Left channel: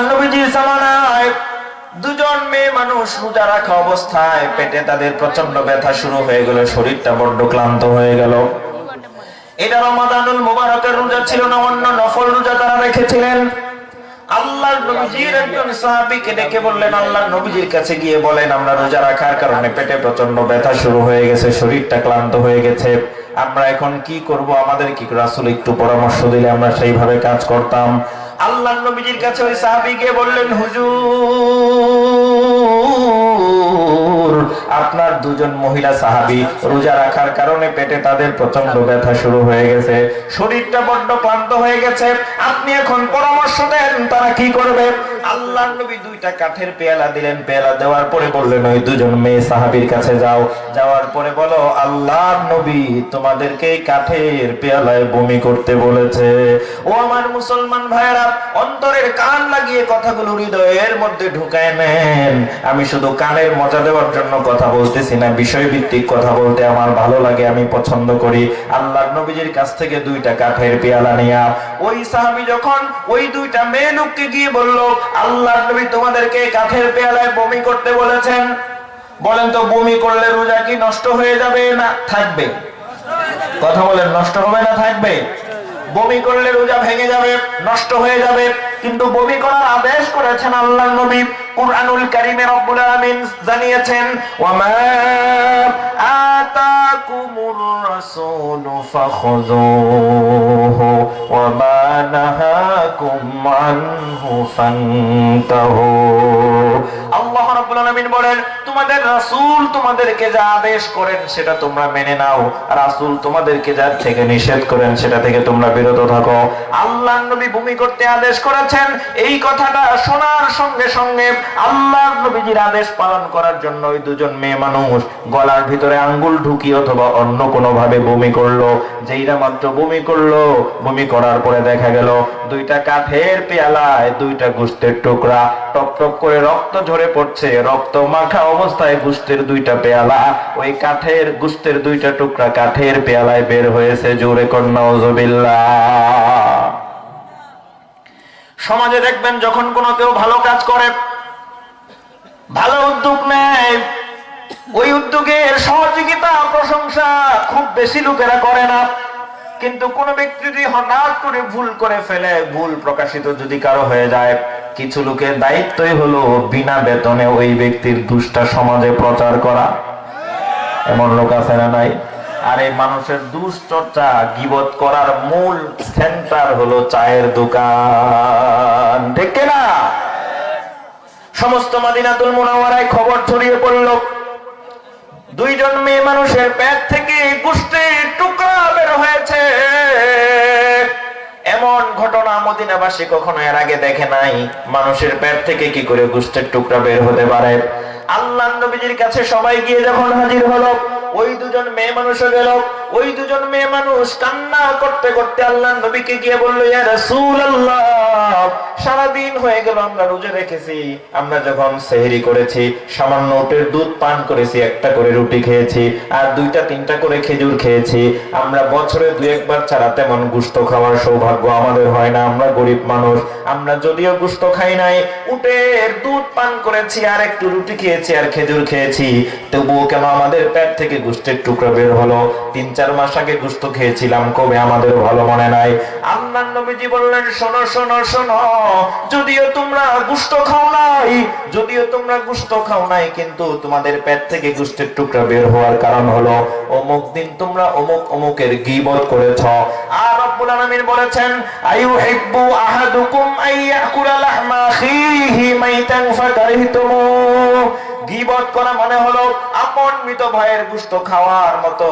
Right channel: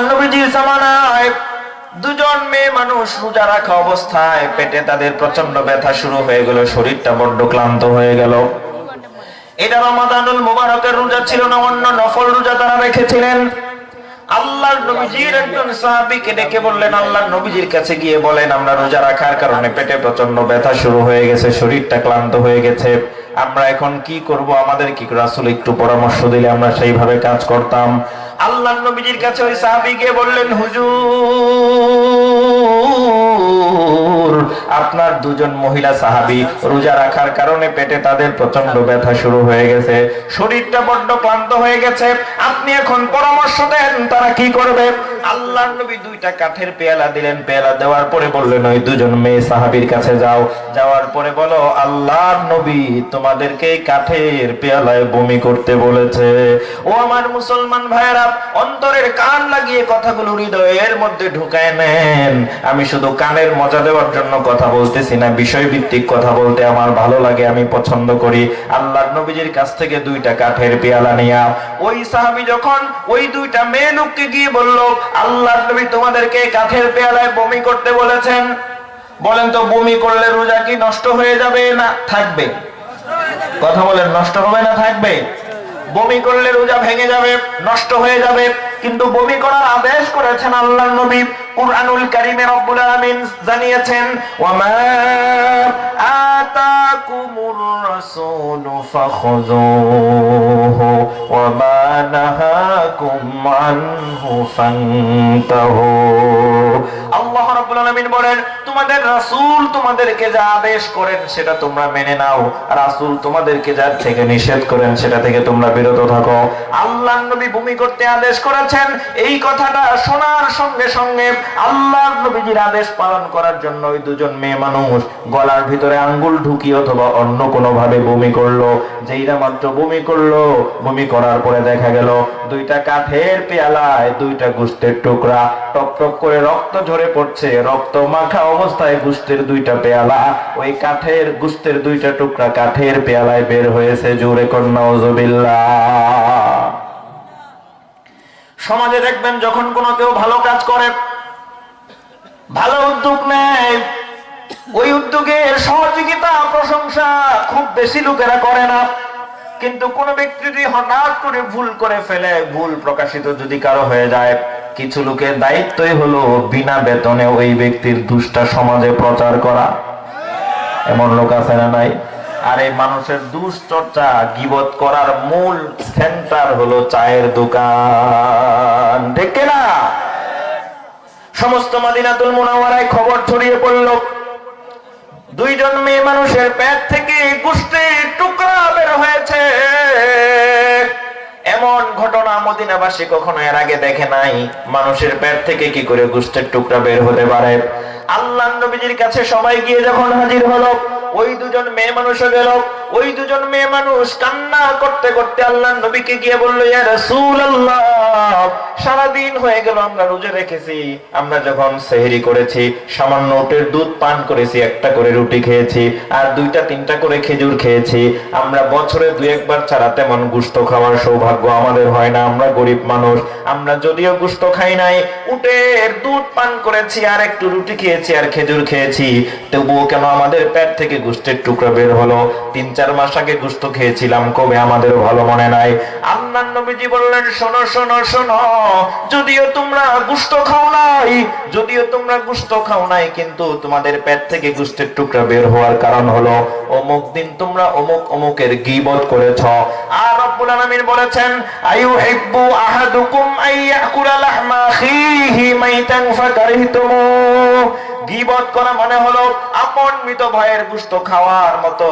আল্লাহর নবীজির জামানায় দুজন মেয়ে মানুষ রোজা রাখা অবস্থায় পেটে তাদের প্রচন্ড ব্যথা শুরু হয়ে গেল, শরীরটা বড্ড ক্লান্ত হয়ে গেল। এটা রমাদানুল মুবারকের রোজা ছিল না, অন্য নফল রোজা তারা রেখেছিলেন। আল্লাহর নবীজির একজন সাহাবীকে ডেকে বললেন, আল্লাহর নবীজির কাছে গিয়ে বলেন, আমরা রোজা রাখার কারণে পেটে প্রচন্ড ব্যথা শুরু হয়ে গেছে, শরীরটা ক্লান্ত হয়ে গেছে, আমরা এখন কি করব? আমাদের কি রাসূল একটু পরামর্শ দিলে আমরা সেইভাবে কাজ করতাম। আল্লাহর নবীজির কাছে ওই সাহাবী গিয়ে বললেন, হুজুর, আপনার দুজন মহিলা সাহাবী রোজা রাখার কারণে পেটে তাদের প্রচন্ড ব্যথা শুরু হয়ে গেছে, শরীরটা বড্ড ক্লান্ত হয়ে গেছে, আপনি এখন পরামর্শ দেন তারা কি করবে? আল্লাহর নবী দুইটা কাঠের পেয়ালা দিলেন, পেয়ালা দেওয়ার পরে বললেন, ওই দুজন মেয়ে সাহাবীর কাছে যাও, যাওয়ার পরে বলো, আল্লাহর নবী তোমাদেরকে কাঠের পেয়ালায় বমি করতে বলেছে। ও আমার মুসলমান ভাইরা, অন্তরের কান লাগিয়ে কথাগুলো হৃদয়ের মধ্যে ঢুকায় নেন। আমি শুধু কানের মজা দেওয়ার জন্য কথা বলতেছি না, বিষয় ভিত্তিক কথা বলতে আমার ভালো লাগে, আমি পছন্দ করি। আল্লাহর নবীজির কাছ থেকে দুইটা কাঠের পেয়ালা নিয়া ওই সাহাবী যখন ওই দুইটা মেয়ে লোককে গিয়ে বলল, আল্লাহর নবী তোমাদেরকে কাঠের পেয়ালায় বমি করতে বলেছেন, বলেন তো বমি করলে রোজা কি নষ্ট হয়ে যাবে না থাকবে? কথা বলেন, নষ্ট হবে না থাকবে? বমি করলে রোজা ভেঙে যাবে, নষ্ট হয়ে যাবে, কিন্তু বমি করার আদেশ করেছেন আল্লাহর নবী। কুরআনুল কারীমে রব্বুল আলামিন জানিয়েছেন, ওয়ামা আতাকুমুর রাসূলু ফাখুযুহু ওয়ামা নাহাকুম আনহু ফান্তাহু। আল্লাহ রাব্বুল আলামিন বলেন, তোমাদের রাসূল তোমাদেরকে যা আদেশ করেন সেটা তোমরা মেনে নাও, রাসূল তোমাদেরকে যা থেকে নিষেধ করেন সেটা থেকে তোমরা বিরত থাকো। আল্লাহর নবী বমি করতে আদেশ করেছেন, এই কথাটা শোনার সঙ্গে সঙ্গে আল্লাহর নবীজির আদেশ পালন করার জন্য ওই দুজন মেয়ে মানুষ গলার ভিতরে আঙ্গুল ঢুকিয়ে অথবা অন্য কোনো ভাবে বমি করলো। যেইরা মাত্র বমি করলো, বমি করার পরে দেখা গেল দুইটা কাঠের পেয়ালায় দুইটা গোশতের টুকরা টপ টপ করে রক্ত ঝরে পড়ছে, রক্ত মাখা অবস্থায় গোশতের দুইটা পেয়ালা, ওই কাঠের গোশতের দুইটা টুকরা কাঠের পেয়ালায় বের হয়েছে। জোরে কন্যা নাউযুবিল্লাহ। সমাজে দেখবেন যখন কোনো কেউ ভালো কাজ করে, ভালো উদ্যোগ নেয়, ওই উদ্যোগের সহযোগিতা প্রশংসা খুব বেশি লোকেরা করে না, কিন্তু কোন ব্যক্তি যদি হঠাৎ করে ভুল করে ফেলে, ভুল প্রকাশিত যদি কারো হয়ে যায়, কিছু লোকের দায়িত্বই হলো বিনা বেতনে ওই ব্যক্তির দুষ্টা সমাজে প্রচার করা। এমন লোক আছে না নাই? আর এই মানুষের দুশ্চর্চা গীবত করার মূল সেন্টার হলো চায়ের দোকান, ঠিক না? সমস্ত মদিনাতুল মুনাওয়ারায় খবর ছড়িয়ে পড়ল, দুইজন মেয়ে মানুষের পেট থেকে গোশতের টুকরা বের হয়েছে। এমন ঘটনা মদিনাবাসী কখনো এর আগে দেখে নাই। মানুষের পেট থেকে কি করে গোশতের টুকরা বের হতে পারে? আল্লাহর নবীজির কাছে সবাই গিয়ে যখন হাজির হলো, ওই দুজন মেয়ে মানুষও গেল। ওই দুজন মেয়ে মানুষ কান্না করতে করতে আল্লাহর নবীকে গিয়ে বলল, ইয়া রাসূলুল্লাহ, সারাদিন হয়ে গেল আমরা রোজা রেখেছি, আমরা যখন সেহরি করেছি সামান্য উটের দুধ পান করেছি, একটা করে রুটি খেয়েছি আর দুইটা তিনটা করে খেজুর খেয়েছি, আমরা বছরে দুই একবার ছাড়া তেমন গোশত খাওয়ার সৌভাগ্য আমাদের হয় না, আমরা গরিব মানুষ, আমরা যদিও গোশত খাই নাই, উটের দুধ পান করেছি আর একটু রুটি খেয়েছি আর খেজুর খেয়েছি, তবুও কেন আমাদের পেট থেকে গোশতের টুকরা বের হলো? ৩-৪ মাস আগে গোশত খেয়েছিলাম, কবে আমাদের ভালো মনে নাই। আল্লাহর নবীজি বললেন, শোনো শোনো শোনো, যদিও তোমরা গোশত খাও নাই, যদিও তোমরা গোশত খাও নাই, কিন্তু তোমাদের পেট থেকে গোশতের টুকরা বের হওয়ার কারণ হলো অমুক দিন তোমরা অমুক অমুকের গীবত করেছ। আর রব্বুল আলামিন বলেছেন, আইয়ুহিব্বু আহাদুকুম আইয়াকুলা লাহমা আখিহি মাইতান ফাকারিহতুমু। গীবত করা মানে হলো আপন মৃত ভাইয়ের গোশত খাওয়ার মতো।